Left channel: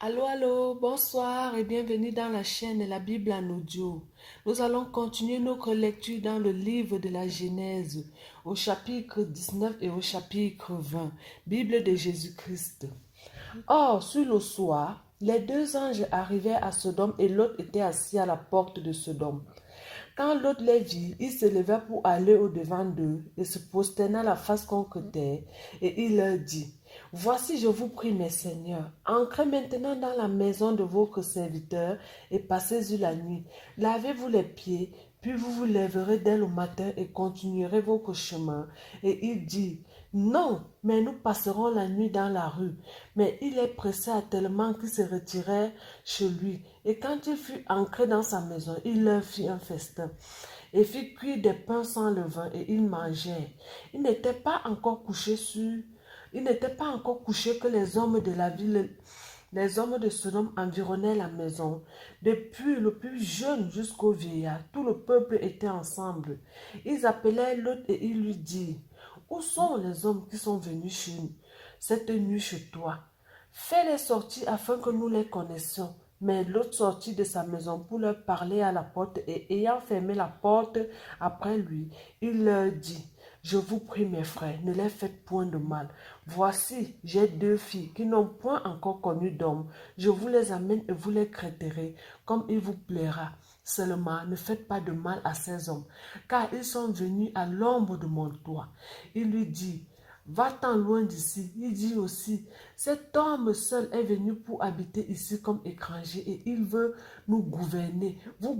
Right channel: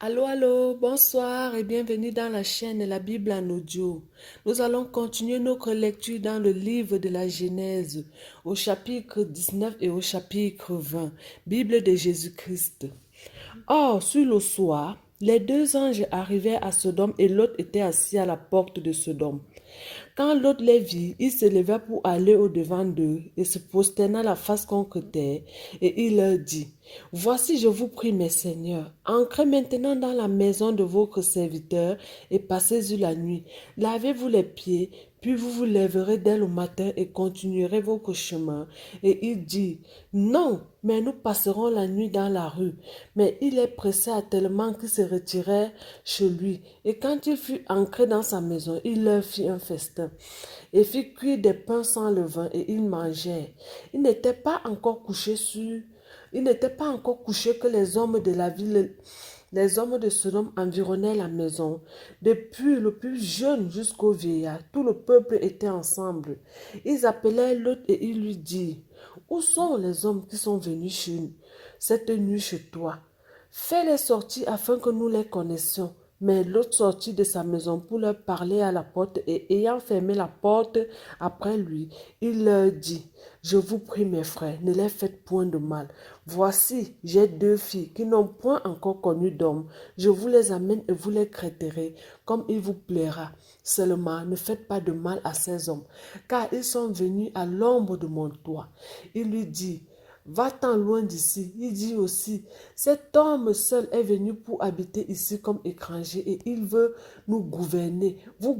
Allô, allô, bonsoir et bienvenue dans la chaîne La Bible en audio. Nous allons continuer notre lecture dans le livre de la Genèse, au chapitre 19 et au chapitre 20, Bible de Jésus-Christ. Or, sur le soir, les deux anges arrivèrent à Sodome et Lot était assis à la porte de Sodome. Quand Lot les vit, il se leva pour aller au-devant d'eux et se prosterna la face contre terre, et il leur dit, Voici, je vous prie, mes seigneurs, entrez maintenant dans la maison de votre serviteur et passez-y la nuit. Lavez-vous les pieds, puis vous vous lèverez dès le matin et continuerez votre chemin. Et il dit, Non, mais nous passerons la nuit dans la rue. Mais il les pressa tellement qu'ils se retirèrent chez lui. Et quand il fut entré dans sa maison, il leur fit un festin et fit cuire des pains sans levain et ils mangèrent. Il n'était pas encore couché Il n'était pas encore couché que les hommes de la ville, les hommes de Sodome environnaient la maison. Depuis le plus jeune jusqu'au vieillard, tout le peuple était ensemble. Ils appelèrent Lot et ils lui dirent, Où sont les hommes qui sont venus cette nuit chez toi? Fais-les sortir afin que nous les connaissions. Mais l'autre sortit de sa maison pour leur parler à la porte et ayant fermé la porte après lui, il leur dit, Je vous prie mes frères, ne les faites point de mal. Voici, j'ai deux filles qui n'ont point encore connu d'homme. Je vous les amène et vous les traiterez comme il vous plaira. Seulement, ne faites pas de mal à ces hommes, car ils sont venus à l'ombre de mon toit. Il lui dit, Va-t'en loin d'ici. Il dit aussi, cet homme seul est venu pour habiter ici comme étranger et il veut nous gouverner. Nous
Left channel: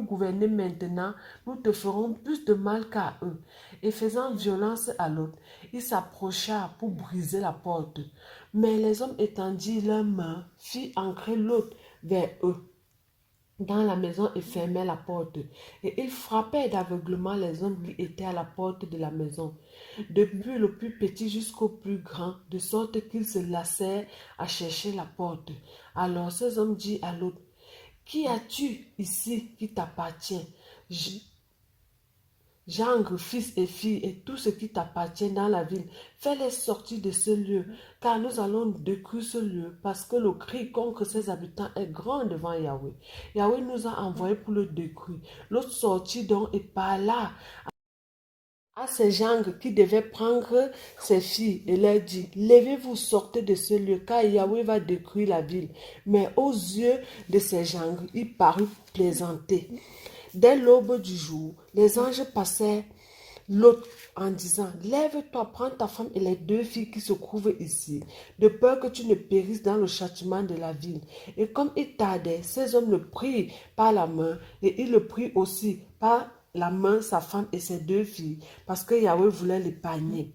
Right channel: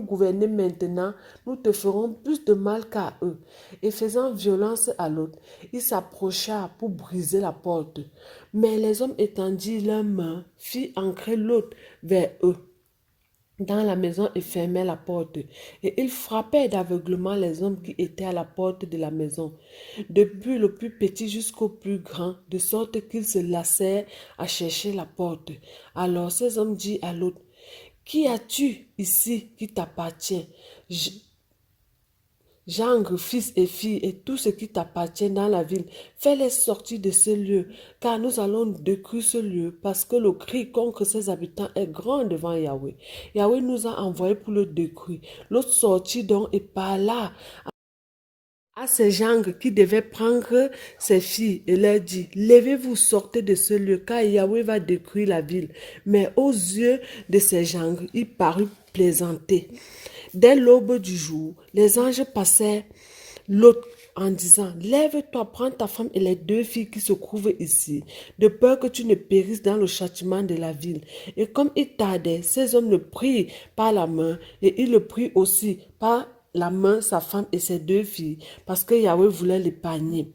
gouverner maintenant, nous te ferons plus de mal qu'à eux. Et faisant violence à l'autre, il s'approcha pour briser la porte. Mais les hommes étendirent leurs mains, firent entrer l'autre vers eux dans la maison et fermèrent la porte. Et ils frappèrent d'aveuglement les hommes qui étaient à la porte de la maison, depuis le plus petit jusqu'au plus grand, de sorte qu'ils se lassèrent à chercher la porte. Alors ces hommes dirent à l'autre, Qui as-tu ici qui t'appartient? Gendre, fils et filles, et tout ce qui t'appartient dans la ville, fais-les sortir de ce lieu, car nous allons détruire ce lieu, parce que le cri contre ses habitants est grand devant Yahweh. Yahweh nous a envoyés pour le détruire. L'autre sortit donc et parla à ces gendres qui devaient prendre ses filles et leur dit, Levez-vous, sortez de ce lieu, car Yahweh va détruire la ville. Mais aux yeux de ces gendres, il parut plaisanter. Dès l'aube du jour, les anges passèrent l'autre en disant, Lève-toi, prends ta femme et les deux filles qui se trouvent ici, de peur que tu ne périsses dans le châtiment de la ville. Et comme il tardait, ces hommes le prirent par la main, et il le prit aussi par la main sa femme et ses deux filles, parce que Yahweh voulait l'épargner.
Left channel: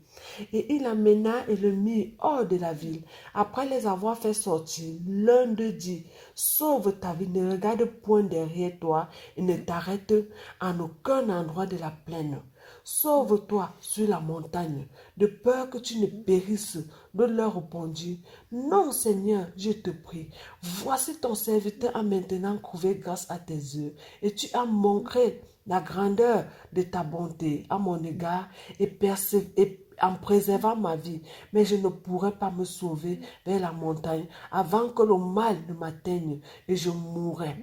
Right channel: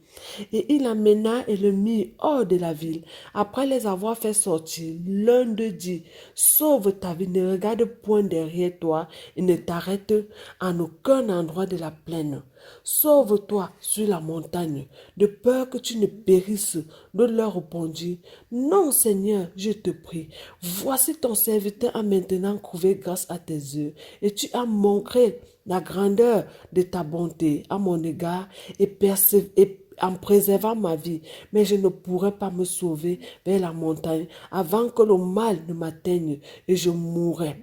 Et il l'amena et le mit hors de la ville. Après les avoir fait sortir, l'un d'eux dit, Sauve ta vie, ne regarde point derrière toi et ne t'arrête en aucun endroit de la plaine. Sauve-toi sur la montagne, de peur que tu ne périsses. L'autre leur répondit, Non, Seigneur, je te prie. Voici ton serviteur a maintenant trouvé grâce à tes yeux, et tu as montré la grandeur de ta bonté à mon égard et en préservant ma vie, mais je ne pourrai pas me sauver vers la montagne avant que le mal ne m'atteigne et je mourrai.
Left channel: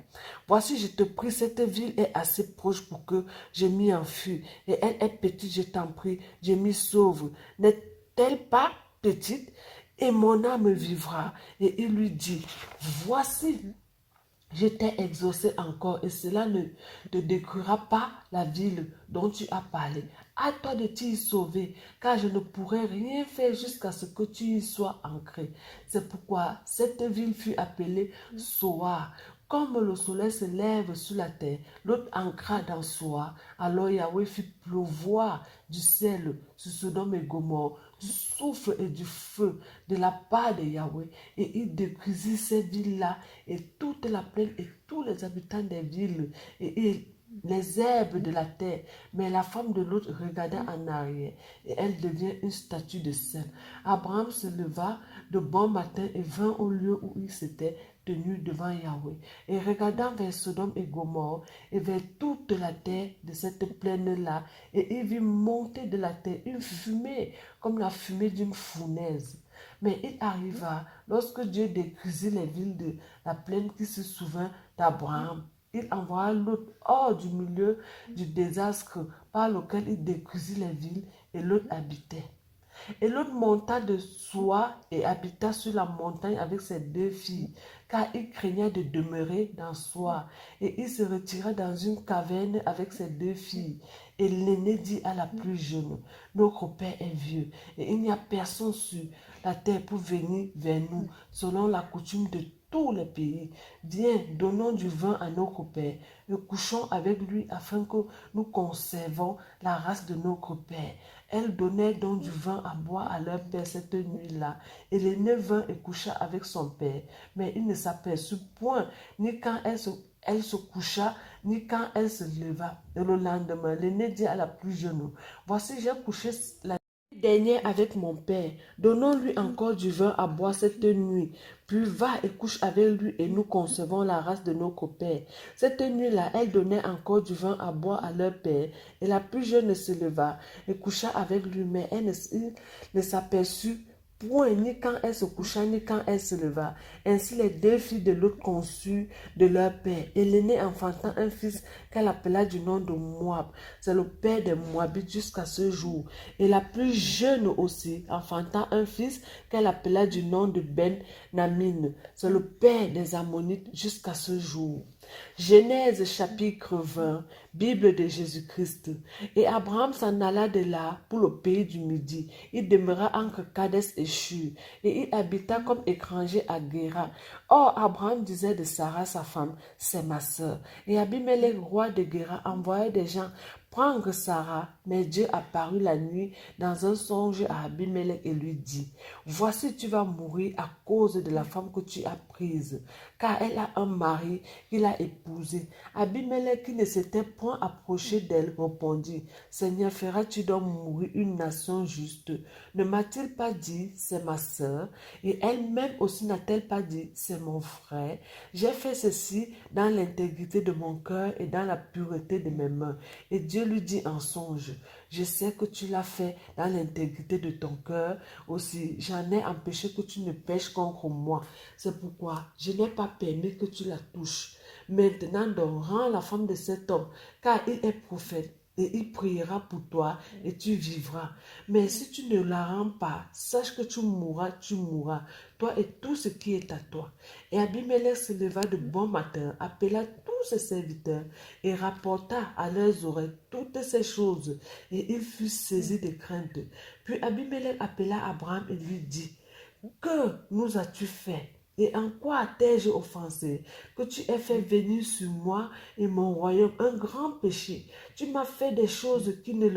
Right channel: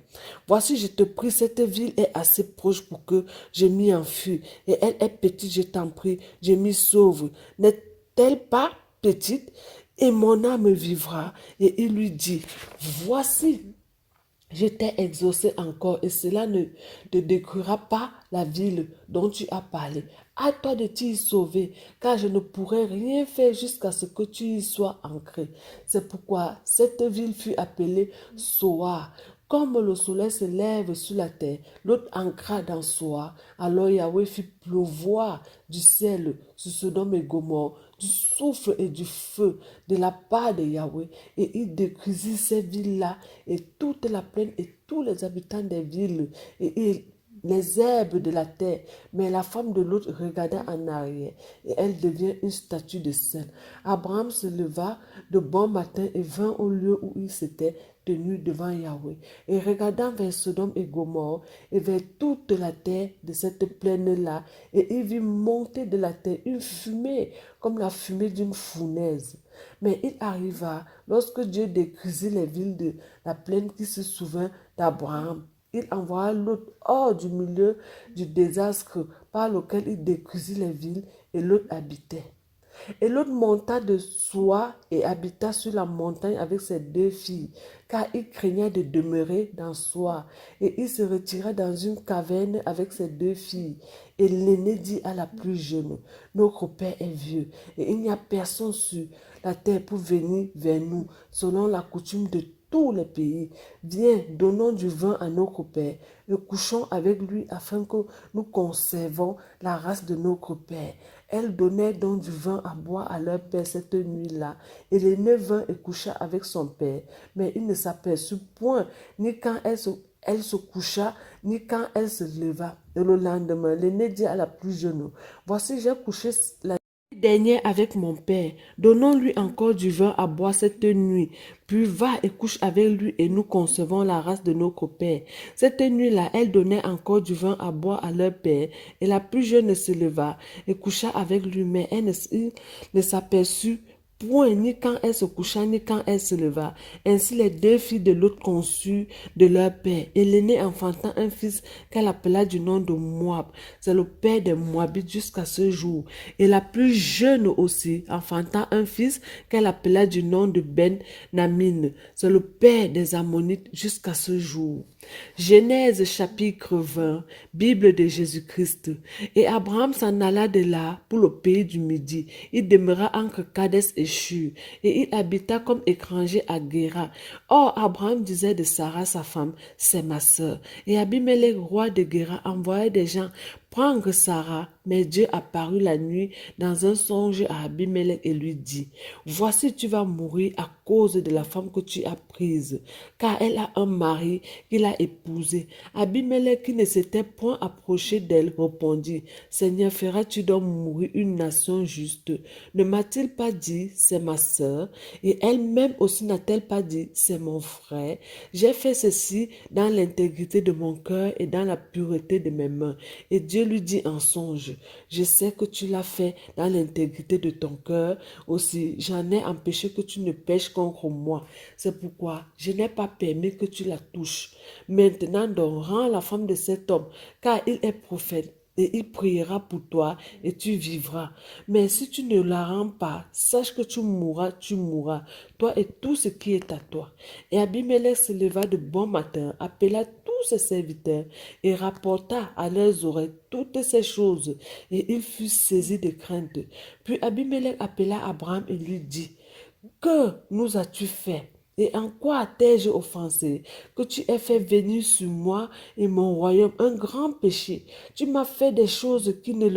Voici, je te prie, cette ville est assez proche pour que je m'y enfuie, et elle est petite, je t'en prie, je m'y sauve. N'est-elle pas petite? Et mon âme vivra. Et il lui dit, Voici, je t'ai exaucé encore et cela ne te détruira pas la ville dont tu as parlé. À toi de t'y sauver, car je ne pourrai rien faire jusqu'à ce que tu y sois ancré. C'est pourquoi cette ville fut appelée Soar. Comme le soleil se lève sur la terre, l'autre ancra dans Soar. Alors Yahweh fit pleuvoir du ciel sur Sodome et Gomorrhe, du souffle et du feu de la part de Yahweh, et il détruisit ces villes-là et toute la plaine et tous les habitants des villes et les herbes de la terre. Mais la femme de l'autre regarda en arrière et elle devient une statue de sel. Abraham se leva de bon matin et vint au lieu où il s'était tenu devant Yahweh. Et regardant vers Sodome et Gomorrhe et vers toute la terre de cette plaine-là, et il vit monter de la terre une fumée comme la fumée d'une fournaise. Mais il arriva, lorsque Dieu détruisit les villes de la plaine qui se souvint d'Abraham, il envoya Lot hors du milieu du désastre par lequel il détruisit les villes et Lot habitait. Et l'autre monta de soi et habita sur la montagne avec ses 2 filles, car il craignait de demeurer dans soi. Et il se retira dans une caverne avec ses 2 filles. Et l'aîné dit à la plus jeune, notre père est vieux, et il n'y a personne sur la terre pour venir vers nous, selon la coutume de tous les pays. Viens, donnons du vin à notre père, et couchons avec lui afin que nous conservons la race de notre père. Elle donnait donc du vin à boire à leur père cette nuit-là. Et l'aîné vint et coucha avec son père. Mais il ne s'aperçut point, ni quand elle se coucha, ni quand elle se leva. Et le lendemain, l'aîné dit à la plus jeune, voici, j'ai couché la dernière avec mon père. Donnons-lui encore du vin à boire cette nuit. Puis va et couche avec lui et nous concevons la race de notre père. Cette nuit-là, elle donnait encore du vin à boire à leur père. Et la plus jeune se leva et coucha avec lui, mais elle ne s'aperçut point ni quand elle se coucha, ni quand elle se leva. Ainsi les 2 filles de l'autre conçurent de leur père. Et l'aînée enfanta un fils qu'elle appela du nom de Moab. C'est le père des Moabites jusqu'à ce jour. Et la plus jeune aussi enfanta un fils qu'elle appela du nom de Ben-Namin. C'est le père des Ammonites jusqu'à ce jour. Genèse chapitre 20, Bible de Jésus-Christ. Et Abraham s'en alla de là pour le pays du Midi. Il demeura entre Kadès et Shur, et il habita comme étranger à Guéra. Or, Abraham disait de Sarah, sa femme, c'est ma sœur. Et Abimelech, roi de Guéra, envoyait des gens prendre Sarah, mais Dieu apparut la nuit dans un songe à Abimelech et lui dit, voici tu vas mourir à cause de la femme que tu as prise, car elle a un mari qu'il a épousé. Abimelech, qui ne s'était point approché d'elle, répondit, Seigneur, feras-tu donc mourir une nation juste? Ne m'a-t-il pas dit, c'est ma sœur? Et elle-même aussi n'a-t-elle pas dit, c'est mon frère? J'ai fait ceci dans l'intégrité de mon cœur et dans la pureté de mes mains. Et Dieu lui dit en songe, je sais que tu l'as fait dans l'intégrité de ton cœur. Aussi, j'en ai empêché que tu ne pêches contre moi. C'est pourquoi je n'ai pas permis que tu la touches. Maintenant, donc, rends la femme de cet homme, car il est prophète. Et il priera pour toi et tu vivras. Mais si tu ne la rends pas, sache que tu mourras, toi et tout ce qui est à toi. Et Abimelech se leva de bon matin, appela tous ses serviteurs et rapporta à leurs oreilles toutes ces choses. Et il fut saisi de crainte. Puis Abimelech appela Abraham et lui dit, que nous as-tu fait? Et en quoi t'ai-je offensé? Que tu aies fait venir sur moi et mon royaume un grand péché. Tu m'as fait des choses qui ne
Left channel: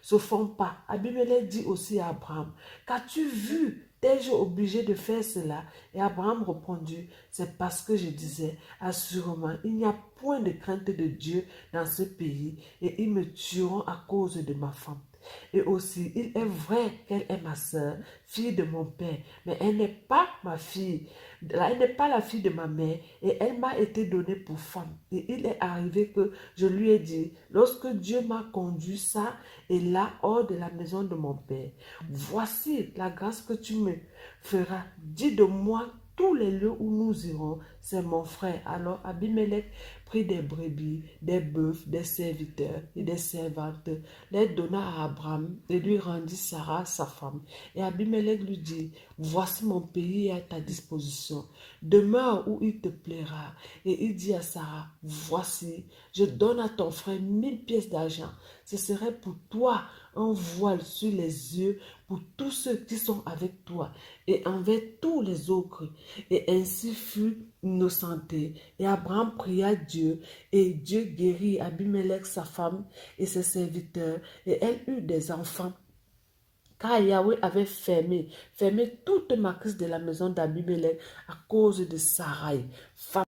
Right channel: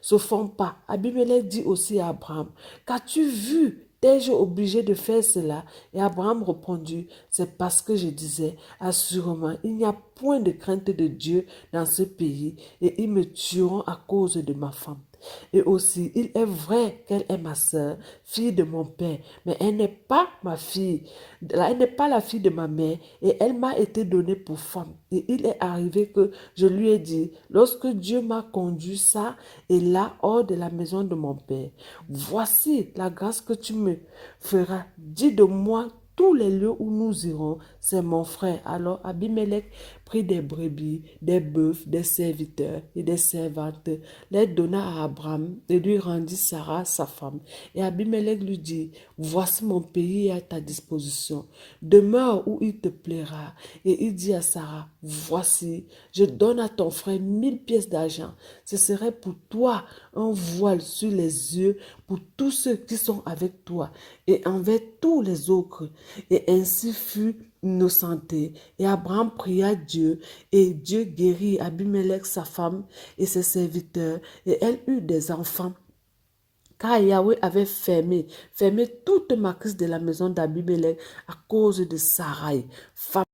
se font pas. Abimelech dit aussi à Abraham, qu'as-tu vu? T'ai-je obligé de faire cela? Et Abraham répondit, c'est parce que je disais, assurément, il n'y a point de crainte de Dieu dans ce pays, et ils me tueront à cause de ma femme. Et aussi, il est vrai qu'elle est ma sœur, fille de mon père, mais elle n'est pas ma fille. Elle n'est pas la fille de ma mère, et elle m'a été donnée pour femme. Et il est arrivé que je lui ai dit, lorsque Dieu m'a conduit ça et là hors de la maison de mon père, voici la grâce que tu me feras. Dis de moi tous les lieux où nous irons, c'est mon frère. Alors Abimelech prit des brebis, des bœufs, des serviteurs et des servantes, les donna à Abraham et lui rendit Sarah, sa femme. Et Abimelech lui dit, voici mon pays à ta disposition, demeure où il te plaira. Et il dit à Sarah, voici, je donne à ton frère 1000 pièces d'argent. Ce serait pour toi un voile sur les yeux pour tous ceux qui sont avec toi et envers tous les autres. Et ainsi fut innocenté. Et Abraham pria Dieu, et Dieu guérit Abimelech, sa femme, et ses serviteurs, et elle eut des enfants. Car Yahweh avait fermé toute matrice de la maison d'Abimelech à cause de Sarai, femme